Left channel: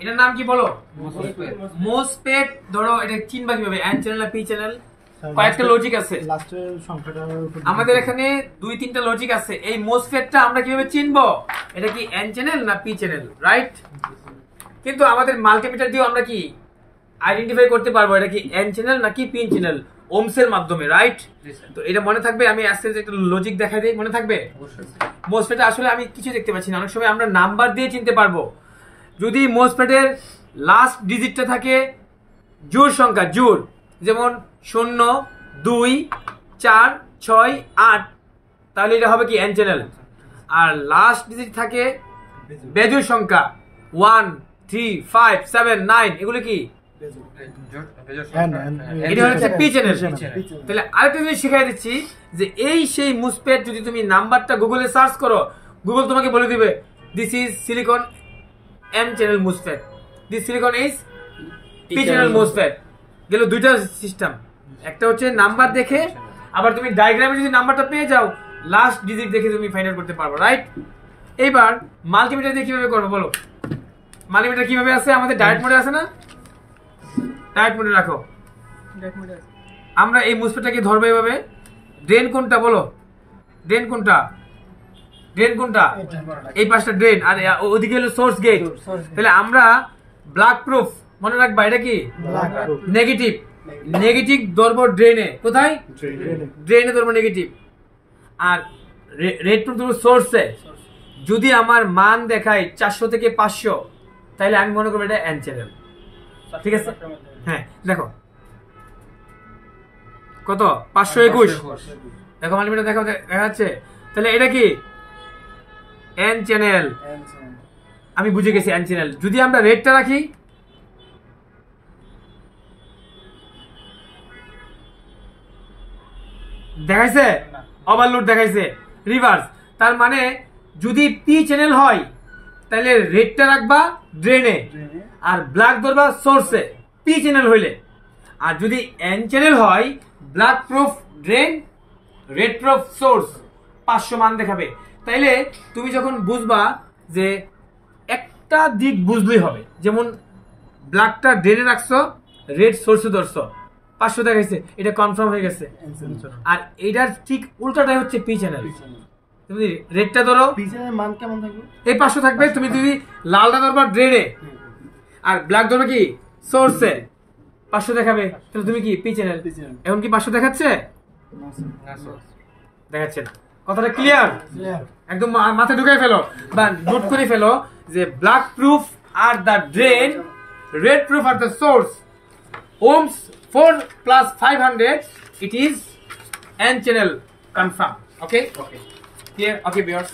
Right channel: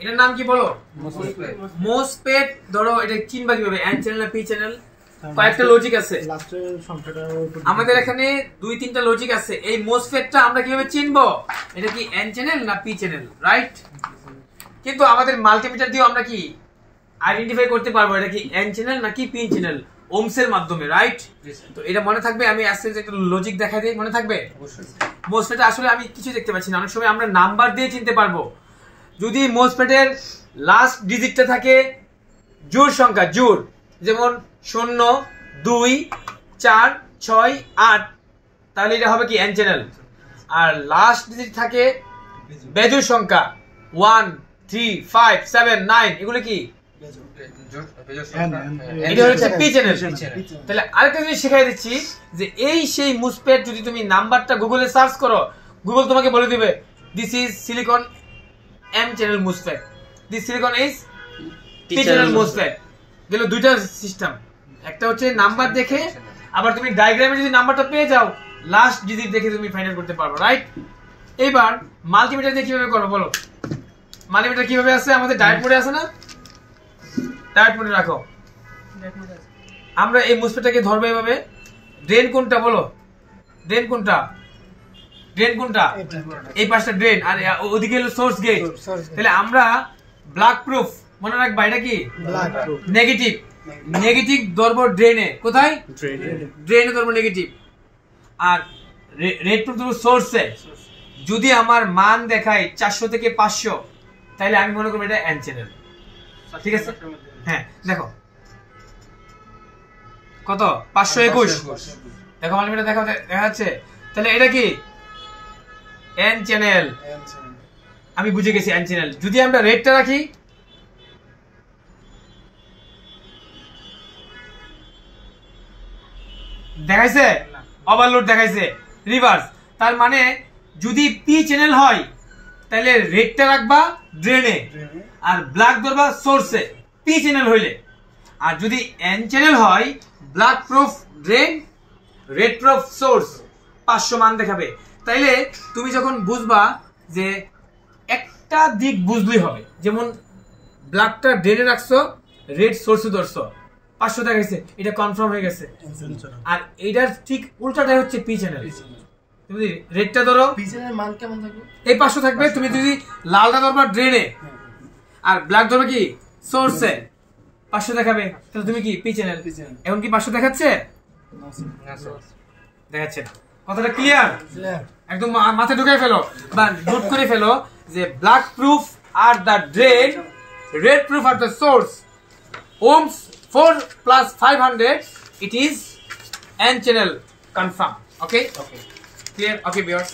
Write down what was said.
এটার নাম কি বলো? মোসফেট। ধরো এটা চিনবা কিভাবে, এন চ্যানেল না পি চ্যানেল? কয়েকটা লজিক আছে আমাদের এখানে, 2-3টা লজিক আছে। এই মোসফেটটা আমরা কিভাবে চিনবো এটা কি এন চ্যানেল না পি চ্যানেল, রাইট? কিন্তু আমাদের মাল্টিমিটার দিয়ে আমরা কি আইডেন্টিফাই করতে পারবো এটা কি এন চ্যানেল নাকি পি চ্যানেল, ওহমস এর মাধ্যমে, রাইট? তো এটা মনে থাকবে। আমি আজকে একটা লজিক দেখাই দিই, মনে থাকবে? মোসফেটে আসলে আমি কিছু দেখতে পাচ্ছি না, অনেক সময় আমরা নাম্বার দিয়ে চিনতে পারবো। যদি মোসফেটের লাস্ট ডিজিটটা থাকে জোড় সংখ্যা, জোড়, যেমন 0, 2, 4, 6, 8, তাহলে এটা হবে কি এন চ্যানেল। আর লাস্ট ডিজিট থাকে বেজোড় সংখ্যা 1, 3, 5, 7, 9, এগুলো কি এটা হচ্ছে পি চ্যানেল। তাহলে আরেকটা জিনিস শিখাই দিচ্ছি যে এই সেই মোসফেট, যদি তুমি নাম্বারটা গুগলে সার্চ করো, গুগল তোমাকে বলে দিবে this is silicon N channel MOSFET, this silicon is P channel MOSFET. গেল দুইটা সিস্টেম, একটা হচ্ছে নাম্বার দেখে, আবার তুমি ডায়াগ্রামে যদি নাম্বারটা পেয়ে যাও লাস্ট ডিজিট দেখে তুমি ফাইন্ড আউট করতে পারবে, রাইট? এবার মাল্টিমিটার দিয়ে কিভাবে করবো বলো? মাল্টিমিটার কিভাবে আছে? আমাদের ডায়েট মোডে আছে না? ডায়েট মোডে রাখো। আমরা এই মোসফেটটাকে ধরবো এভাবে। ড্রেন কোনটা বলো? ড্রেন কোনটা? ড্রেন কোনটা? এই পাশটা ড্রেন, আর ওদিকে হলো সোর্স গেট। তাহলে আমরা ব্ল্যাক প্রুফ মনে রাখবা, এটা কি নেগেটিভ। নেগেটিভ ধরবো ড্রেনে, কোথায়? ড্রেনে ধরবো নেগেটিভ। আর রেড প্রুফ ধরবো সোর্সে। যদি আমার মান দেখায় 400 থেকে 500, তাহলে আমি মনে করবো এটা এন চ্যানেল, ঠিক আছে? হ্যাঁ, দেখো কত, 521। দেখো মাল্টিমিটার দেখো, দেখা যাচ্ছে। তাহলে এটা কি এন চ্যানেল, আমি বুঝে গেছি এন চ্যানেল। যদি আমরা রেডটা রাখি, দেখাইছে ওভারলোড, দেখাইছে রিভার্স। তার মানে যদি পি চ্যানেল হয় তাহলে রেডটা রাখবা ড্রেনে, আর ব্ল্যাক ধরবা সোর্সে, পি চ্যানেল হইলে। আর যদি এন চ্যানেল হয়, black proof drain, red proof source, 500 মান দেখাবে। তাইলে তুমি যখন বুঝবা যে একটা দিক বুঝলেই হবে, যেমন ব্ল্যাকটা ড্রেনে রাখছো, রেড সোর্সে ধরছো, 500 দেখাইছে, এটা কনফার্ম হয়ে গেছে। আর এটার ঠিক উল্টাটাই হচ্ছে পি চ্যানেল। তুমি রেডটা ধরো, পি চ্যানেলের মান কেমন থাকবে? এই 500 থাকবে। তুমি যদি লালটা ধরবা ড্রেনে, আর ব্ল্যাক ধরো কি সোর্সে, 500 দেখাবে। তাহলে তুমি কি পি চ্যানেল। এখন কি 500 দেখাচ্ছে? দেখাচ্ছে না। কথাটা ক্লিয়ার? একদম মাথায় ঢুকাই ফেলো বা নোট করে ফেলো যে black proof are the drain, red proof are the source, ohms 4 plus 500, it is n channel confirm. Okay, clear? Okay viewers.